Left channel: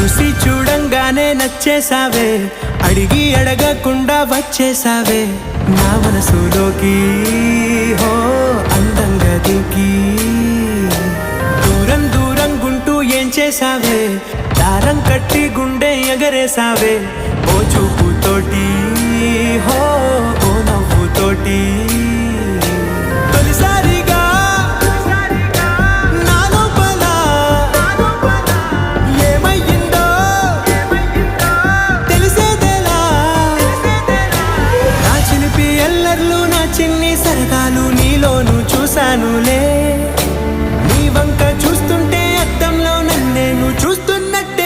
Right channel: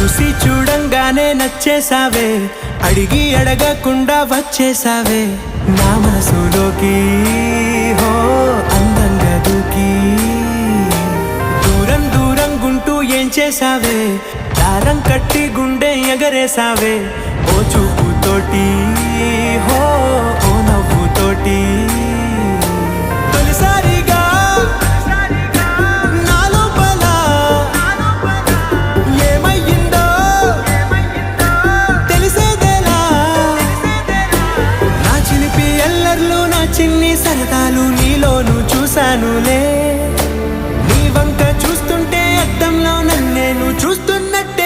చూసి చూడంగానే నచ్చేసావే, అడిగి అడగకుండా వచ్చేసావే నా మనసులోకి. హో అందంగా దూకి దూరం దూరం గుంటూ ఏం చేసావే, దారం కట్టి గుండె ఎగరేసావే ఓ చూపుతోటి, హో ఓ నవ్వుతోటి. తొలిసారిగా నా లోపల ఏమయ్యిందో తెలిసేదేలా. నా చిలిపి ఎల్లర్లు నా చిన్ని సరదాలు నీలోను చూశానులే. నీ వంక చూస్తుంటే అద్దంలో నన్నేను చూస్తున్నట్టు